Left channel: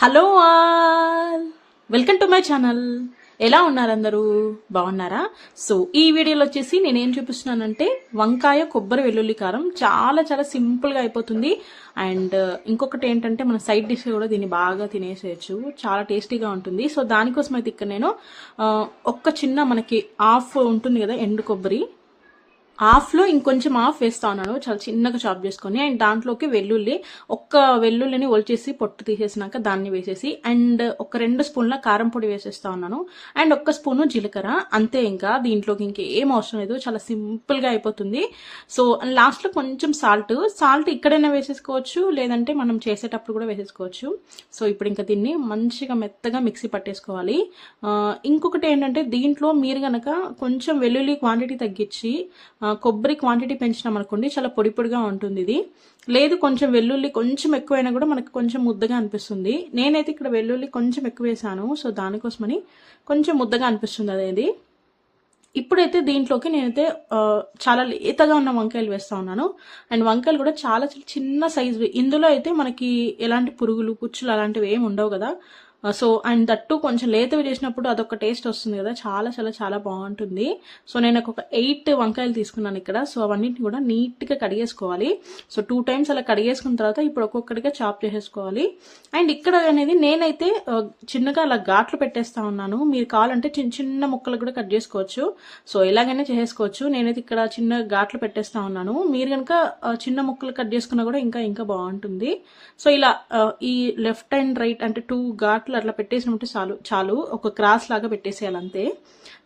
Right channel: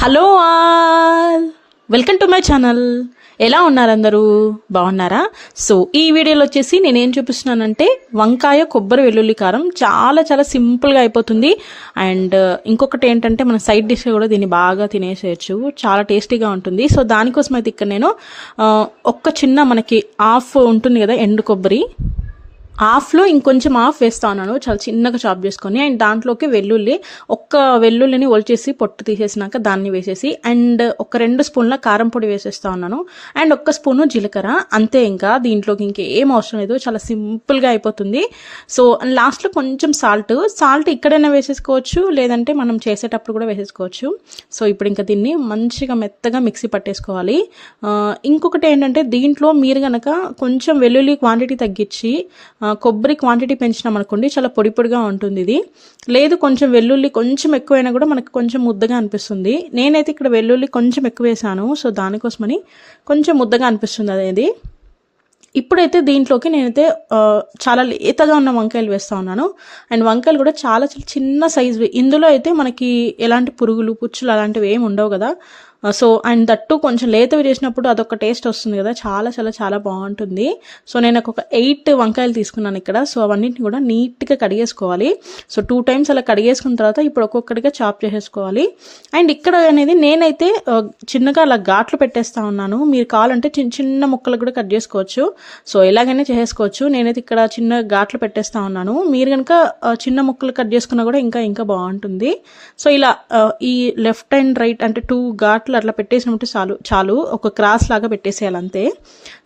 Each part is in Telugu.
Hello all. Welcome to my channel. ఎలా ఉన్నారు అందరూ? బాగున్నారా? సో ఈ వీడియోలో వచ్చేసి నేను ఏం చూపిస్తున్నానంటే వంకాయ కొబ్బరి వెల్లుల్లి కారం చాలా చాలా సింపుల్గా అయిపోతుంది. అండ్ ఇంకొకటి ఏంటంటే మన సైడ్ డిష్ కూడా దీన్ని బాగా తినేసేయచ్చు. చాలా టేస్టీగా ఉంటుంది. సో దానికోసం అయితే ఇక్కడ నేను ఒక్క చిన్న మనకి ఆఫ్ ఉంటుంది కదా ఎండు కొబ్బరి. హాఫ్లో ఇంకొంచెం హాఫ్ వేస్తా ఉన్నాను చాలా చిన్నగా చాప్ చేసుకొని అండ్ దాంట్లోకి వెల్లుల్లి ఒక్క వెల్లుల్లిని ఒలిచేసి పొట్టు తీసేసినాక దాన్ని వేసేసి అండ్ ఒక రెండు స్పూన్ల కారం పొడి వేసేస్తా ఉన్నాను. అండ్ ఒక్క స్పూను జీలకర్ర. అంతే ఇంకా దీంట్లోకి ఇంకేం అవసరం లేదు. చాలా సింపుల్గా అయిపోతుంది. సో లాస్ట్లో కొంచెం సాల్ట్. సాల్ట్ ఇక్కడైనా వేసేసుకోవచ్చు లేదంటే మనం చేసేటప్పుడు కూడా వేసేసుకోవచ్చు. సో ఇప్పుడు ఇంకా దీన్ని మంచిగా మెత్తగా మిక్సీ పట్టేసుకోవాలి. ఇంకొకటి ఏంటంటే దీంట్లో మీరు కనుక కొంచెం వెల్లుల్లి క్వాంటిటీ తగ్గించి కొబ్బరి క్వాంటిటీ పెంచినాం అనుకోండి చాలా పొడి పొడిగా ఉంటుంది ఇది. లేదు కొంచెం వెల్లుల్లి కొంచెం ఎక్కువైనా కూడా మనకు కొంచెం ముద్దగా అనిపిస్తుంది. నేనైతే ఇక్కడ వెల్లుల్లి కొంచెం ఎక్కువ వేసాను సో దానికోసమని కొంచెం ముద్దగా అనిపిస్తుంది అనేది. ఇప్పుడైతే దీంట్లోకి నేనైతే చాలా లేతగా ఉన్న వంకాయలు వేస్తా ఉన్నాను. అండ్ వంకాయలు కూడా చాలా చాలా చిన్న సైజు ఇందులో అయితే మనకి ఎలాంటి పురుగులు పుచ్చులు అలాంటివి ఏమి ఉండవు కదా. సో అండ్ దట్టు కొంచెం లేతవి చేసినప్పుడు అదొక టేస్ట్ వస్తుంది కదా. చాలా చాలా చాలా బాగుంటుంది. సో నేను ఒక ఎయిట్ వంకాయలు తీసుకున్నాను ఇక్కడ. సో అవన్నింటిని కూడా నీట్గా కడిగేసుకోవాలి. సో టూ టైమ్స్ అలా కడిగేసుకున్న తర్వాత ఇప్పుడు ఒక్కొక్కటిగా చాప్ చేసేసుకోవాలి. అండ్ ఇక్కడ అనేది నేనైతే uh, చిన్నగా అలా ఘాట్లు పెట్టేస్తా ఉన్నాను. మీరు కావాలంటే చిన్న చిన్న ముక్కలు కూడా కట్ చేసుకోవచ్చు. సో ఎలాగైనా చేసుకోవచ్చు నేనైతే ఇక్కడ చిన్న ఘాట్లు పెట్టేస్తా ఉన్నాను. మీరు కనుక uh, చిన్న ముక్కలు కట్ చేసుకున్నా కూడా ఇంకా ఇంకా బాగుంటుంది. సో ఇలా uh, ఈ లెఫ్ట్ అండ్ రైట్ అంటే టూ ఘాట్ ఘాట్లు అట్లా పెట్టేసినట్టు చాలు చాలు. ఒక క్రాస్ లాగా పెట్టేసేయాలి అంతే.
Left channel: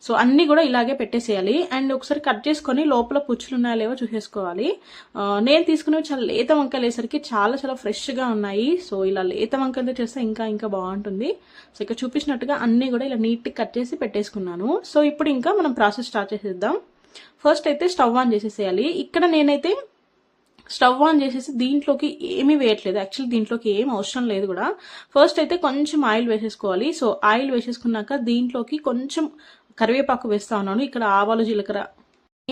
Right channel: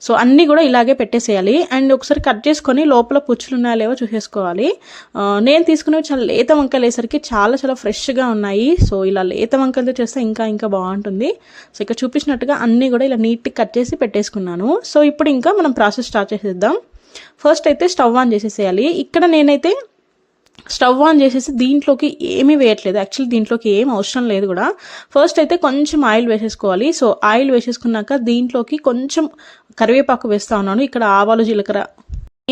సో అన్నీ కూడా ఇలాగే పెట్టేసేయాలి. అండ్ ఒకసారి కట్ చేసుకొని లోపల పుచ్చులు ఉన్నాయో లేవో చూసేసుకోవాలి. నేను తీసుకునేవి చాలా లేత వంకాయలు వేసరికి చాలా చాలా ఫ్రెష్గా ఉన్నాయి. సో ఇలా లేత వంకాయలతో చేస్తే ఇంకా ఇంకా బాగుంటుంది. సో ఇక్కడ చూపించినట్టుగా అన్నీ కూడా ఇలా నీట్గా కట్ చేసి పెట్టేసుకున్నాను. సో ఇప్పుడు ఇంకా మనం ప్రాసెస్ స్టార్ట్ చేసేద్దాం. ఫస్ట్ అయితే స్టవ్ ఆన్ చేసేసేయాలి. ఇక్కడ నేనైతే స్టవ్ ఆన్ చేసేసి దీంట్లోకి ఏమీ వేయట్లేదు. యాక్చువల్లీ దీంట్లోకి ఏం అవసరం లేదు కూడా. ఫస్ట్ అయితే కొంచెం ఆయిల్ వేసేసుకోవాలి. సో ఆయిల్ వేసేసుకున్నాక దీంట్లోకి కొంచెం కరివేపాకు వేస్తా ఉన్నాను. ఇక్కడ ఆవాలు జీలకర్ర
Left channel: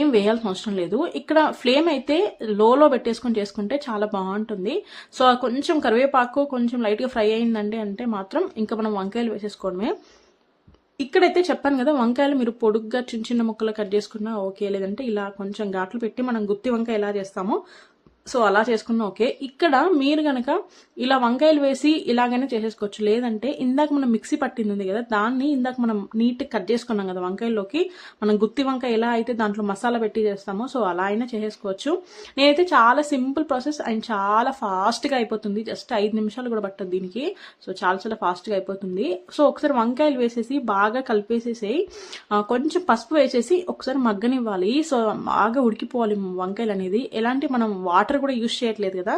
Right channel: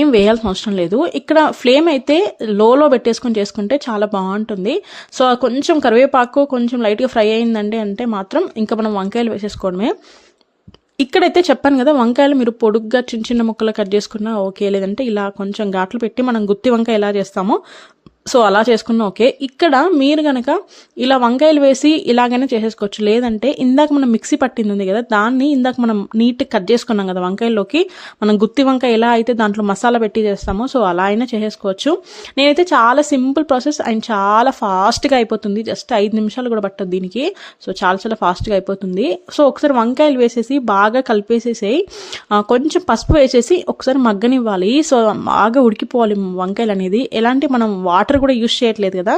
ఏం వేయాల్సిన అవసరం లేదు. ఇక్కడ ఫ్లేమ్ అయితే లోలో పెట్టేసుకొని చేసుకుంటే చాలా బాగుంటుంది. సో కొంచెం కరివేపాకు కొంచెం లైట్గా ఫ్రై అయిందండి అంటే మాత్రం ఇంకా మనం వంకాయలు వేసేసుకోవడమే. ఇక్కడైతే చెప్పాను కదా వంకాయలు మీరు పొడుగ్గా చిన్న చిన్న ముక్కలు కట్ చేసుకున్నా ఓకే లేదంటే ఇలా కొంచెం ఘాట్లు పెట్టి మనం గుత్తి వంకాయ ఎలా చేస్తామో సో అలా చేసుకున్నా ఓకే. ఇక్కడ మీరు కనుక ఇలా వంకాయలు వేసి ఇలాగైనా చేసేసుకోవచ్చు. లేదంటే ఇందాక మనం మిక్సీ పట్టింది ఉంది కదా దాన్ని ఇందాక మనం నీట్గా కట్ చేసుకున్నాం కదా వంకాయల్లోకి మనం గుత్తి వంకాయ ఎలా అయితే దాంట్లో మసాలా పెట్టి చేస్తామో సో అలా అయినా చేసేసుకోవచ్చు. నేనైతే చాలా సింపుల్ ప్రాసెస్ అండ్ చాలా ఫాస్ట్గా అయిపోతుంది. జస్ట్ ఐదు నిమిషాలు కూడా పట్టదు దీనికి. సో చాలా చాలా ఫాస్ట్గా అయిపోతుంది. సో ఒకసారి వంకాయలు వేసేసి బాగా కలిపేసేసేయి. కొంచెం పసుపు వేసేసి ఒకసారి మగ్గనివ్వాలి. సో బాగా ఉడికిపోవాలి వంకాయలు అనేది. ఎలాంటి మనం వాటర్ కూడా యూస్ చేయట్లేదు కదా.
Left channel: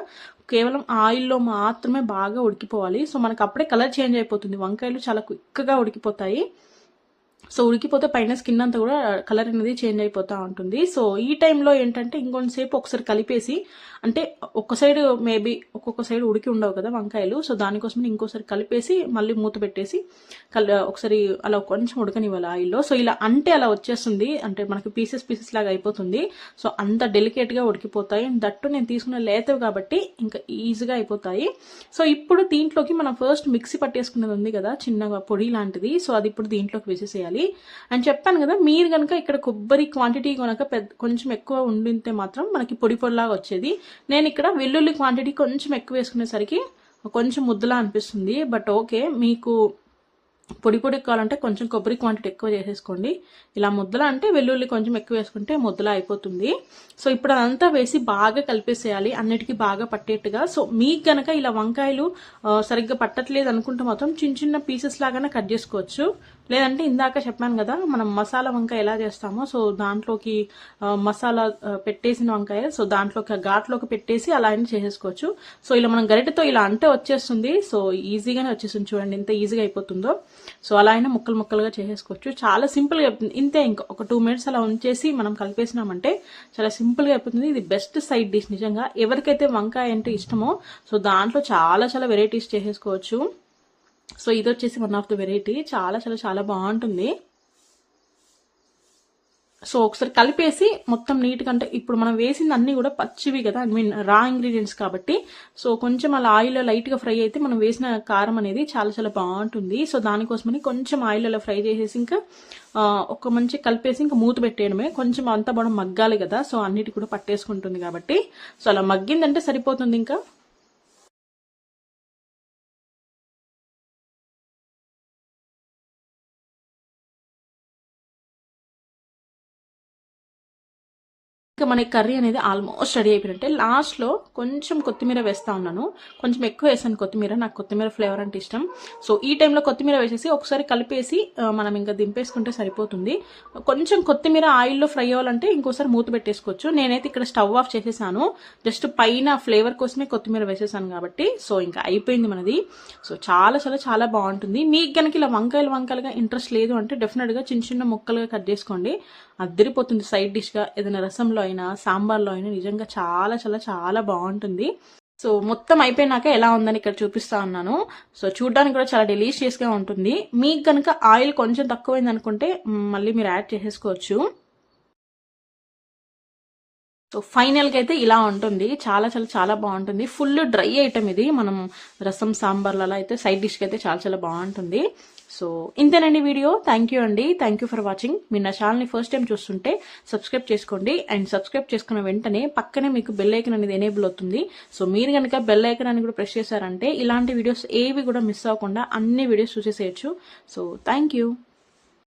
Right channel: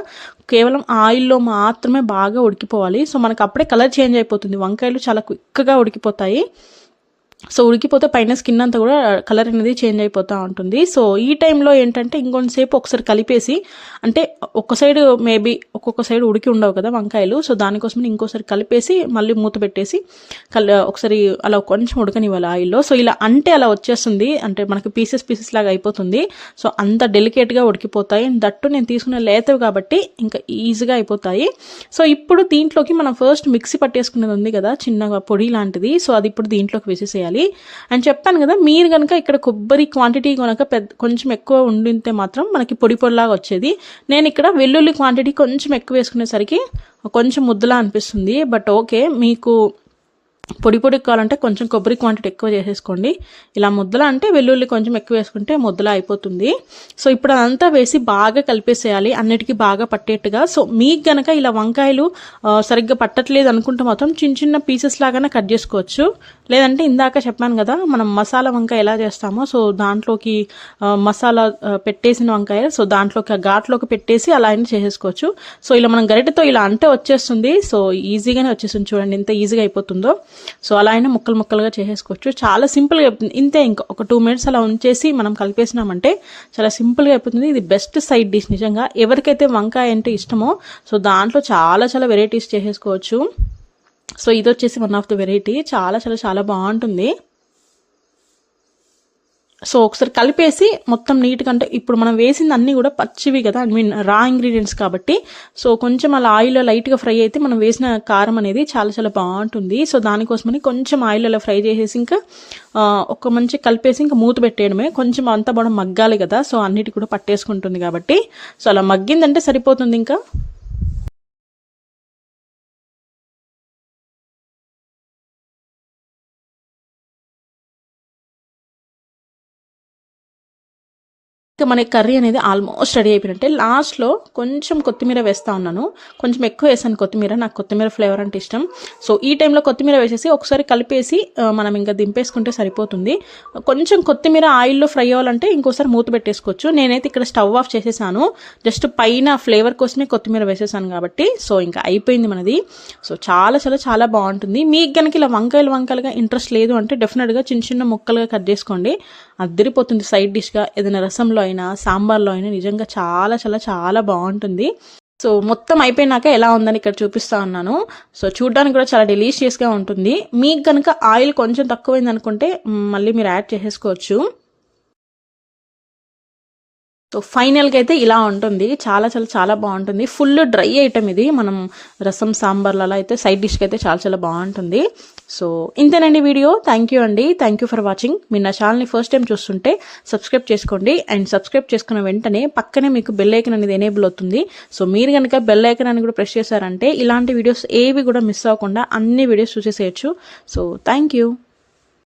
కేవలం ఆయిల్లో మాత్రమే బాగా ఉడికిపోవాలి. సో మనకు అప్పుడే కలర్ చేంజ్ అయిపోతుంది. వంకాయలు చాలా క్విక్గా ఉడికిపోతాయి. సో ఉడికిపోతే పైన స్కిన్ అంతా కూడా కలర్ అనేది చేంజ్ అయిపోతూ ఉంటుంది. సో ఈ టైంలో ఏంటంటే ఇంకొంతసేపు ఒకసారి కలిపేసి అంటే ఒక్క సైడ్ మేబీ ఒక్కొక్క సైడ్ ఉడికి ఉండవు కదా వంకాయలు సో దానికోసం ఇంకోసారి కలిపేసి మళ్ళీ మూత పెట్టేసి ఒకసారి అలా కొంచెం ఉడకనివ్వాలి ఆయిల్లో. సో ఇలా అంటే అలా వచ్చేస్తుంది. అంటే మనకి పీసెస్ పీసెస్ లాగా అయిపోతుంది. సో అంత డెలికేట్గా ఉడికిపోతాయి. అండ్ దట్టు నేను తీసుకున్న లేతవి కాబట్టి ఇంకా ఈజీగా అయిపోతాయి. సో ఇప్పుడు దీంట్లోకి మనం ఫస్ట్ మిక్సీ పట్టేసుకునేది ఉంది కదా చిన్నగా పొడి లాంటిది. సో అది ఇప్పుడు దీంట్లోకి వేసేసేయాలి. అండ్ చెప్పాను కదా మీరు కనుక ఇక్కడ కొబ్బరి క్వాంటిటీ కనుక పెద్ద కొంచెం ఎక్కువ ఉండితే మాత్రం మనకి పొడి పొడిలాగా వచ్చేది. నేను ఇక్కడ వెల్లుల్లి క్వాంటిటీ కొంచెం ఎక్కువ వేసుకునేసరికి కొంచెం ముద్దలా అనిపిస్తుంది. బట్ ఓకే మీకు పొడి పొడి కావాలంటే కొంచెం కొబ్బరి క్వాంటిటీ ఎక్కువ చేసేసుకోండి. ఇలా ముద్దలా అంటే వెల్లుల్లి కొంచెం ఎక్కువ వేసుకుంటే ముద్దల అయిపోతుంది. సో ఇప్పుడు అదంతా వేసి బాగా కలిపేసేయాలి. అన్నిటికీ బాగా పట్టేట్టుగా. సో మీకు గనక ఇలా వంకాయలు సరిగ్గా పట్టట్లేదు అనుకుంటే మాత్రం చిన్న చిన్న పీసెస్ లాగానే కట్ చేసుకోవచ్చు. లేదంటే ఇందాక చెప్పాను కదా మనం మసాలా వంకాయ ఎలా చేస్తామో సో దాంట్లోకి మసాలా పెట్టేసిన వంకాయ సో దాంట్లోకి ఆ ఘాట్లోకి పెట్టేసి అలా అయినా చేసేసుకోవచ్చు. సో ఇలా మనం గరిటెతో ఇలా అంటే వచ్చేస్తుంది. సో ఈజీగానే వచ్చేస్తుంది చూడండి ఎంత ఈజీగా అయిపోతుందో. సో అలా అయినా ముక్కలు ముక్కలుగా చేసేసుకోవచ్చు. చాలా సింపుల్గా అయిపోతుంది. ఇంతే ఇంకా ఒక టూ మినిట్స్ అలా ఉంచేసి మనం కలిపేసినామంటే చాలా సింపుల్గా అయిపోతుంది. ఇది బెస్ట్ సైడ్ డిష్ నిజంగా. ఎవరికైతే వంకాయ అంటే ఇష్టమో సో దాంట్లో చాలా చాలా వెరైటీస్ చేసేసుకోవచ్చు. సో ఇది వచ్చేసి వన్ ఆఫ్ ద వెరైటీ. చాలా చాలా చాలా బాగుంటుంది. సో ఒకసారి కలిపేసి మొత్తం నీట్గా అంటే ఇప్పుడు మనం వేసింది అన్నీ కూడా పచ్చివి కదా ఐ మీన్ రా ఇంగ్రీడియంట్స్ కాబట్టి. సో కొంచెం అలా ఆయిల్లో లైట్గా ఫ్రై అయితే మనం వేసిన కారం అనేది చాలా చాలా బాగుంటుంది. సో దానికోసమని కొంచెం ఆయిల్ అలా ఫ్రై చేసేసి ఇంకా ఒక మంచి కలిపేసి ఇంకా మూత పెట్టేయడమే. కొంచెం అంతా బాగా మగ్గాలి కదా సో అన్నిటి కూడా పట్టేసుకుంటుంది కాబట్టి. సో అలా మగ్గిందంటే సరిపోతుంది ఇంకా. ఇంకా మన కర్రీ అనేది ఆల్మోస్ట్ రెడీ అయిపోయినట్టే లాస్ట్లో కొంచెం కొత్తిమీర వేస్తా ఉన్నాను. కొంచెం ఎక్కువ వేసాను కొత్తిమీర. నాకు కొత్తిమీర ఫ్లేవర్ అంటే ఇష్టం. సో ఈ టైంలో కొత్తిమీర వేసేసి ఒకసారి కలిపేసి మనం ఇంకా దింపేసుకుంటే సరిపోతుంది. కొంచెం కొత్తిమీర ఆయిల్లో ఫ్రై అవ్వాలంటే ఇంకోసారి మూత పెట్టేసుకోవచ్చు. నేనైతే ఇక్కడ స్టవ్ ఆఫ్ చేసేసాను. జస్ట్ పైన ఫ్లేవర్ కోసమే కొత్తిమీర వేసేసాను కాబట్టి. సో ఇంకా అయిపోయింది మనది. సో చాలా చాలా చాలా బాగుంటుంది. మీకు కనుక ఇలా వంకాయలు వంకాయలుగా ఇంట్రెస్ట్ లేదు అంటే డెఫినెట్గా చిన్న చిన్న ముక్కలుగా కట్ చేసుకోండి. అద్దరిపోతుంది సైడ్ డిష్గా ఏదైనా రసంలో అయినా సాంబార్లో అయినా నిజంగా చాలా చాలా చాలా బాగుంటుంది. సో మొత్తం అయిపోయినాక ఎలా ఉందని ఇక్కడ చూపిస్తా ఉన్నాను. సో చూడడానికి కూడా చాలా డెలీషియస్గా ఉంటుంది. మీకు కనుక ఆయిల్ కొంచెం తక్కువైంది అనుకుంటే మళ్ళీ మీరు యాడ్ చేసేసుకోవచ్చు. సో ఫైనల్గా అయితే ఇలా ఉంటుంది. చాలా చాలా చాలా బాగుంటుంది. ఫుల్ డ్రై ఐటమ్ ఇది. మనం రసం సాంబార్లలో అయితే సైడ్ డిష్కి అయితే చాలా చాలా బాగుంటుంది. సో ఇంతేనండి వీడియో. థ్యాంక్ యూ అండి. థ్యాంక్ యూ ఫర్ వాచింగ్ మీరు నా ఛానల్ని ఫస్ట్ టైం చూస్తుంటే సబ్స్క్రైబ్ చేసుకోండి. అండ్ సబ్స్క్రైబ్ చేసుకున్న వెంటనే పక్కనే మీకు బెల్ ఐకన్ అనేది ఎనేబుల్ అవుతుంది. సో మీరు కనుక బెల్ ఐకన్ అని కూడా ప్రెస్ చేశారంటే ఇలాంటి వీడియోస్ ఏవి కూడా మిస్ అవ్వకుండా అన్ని వీడియోస్ చూసేసేయచ్చు. So thank you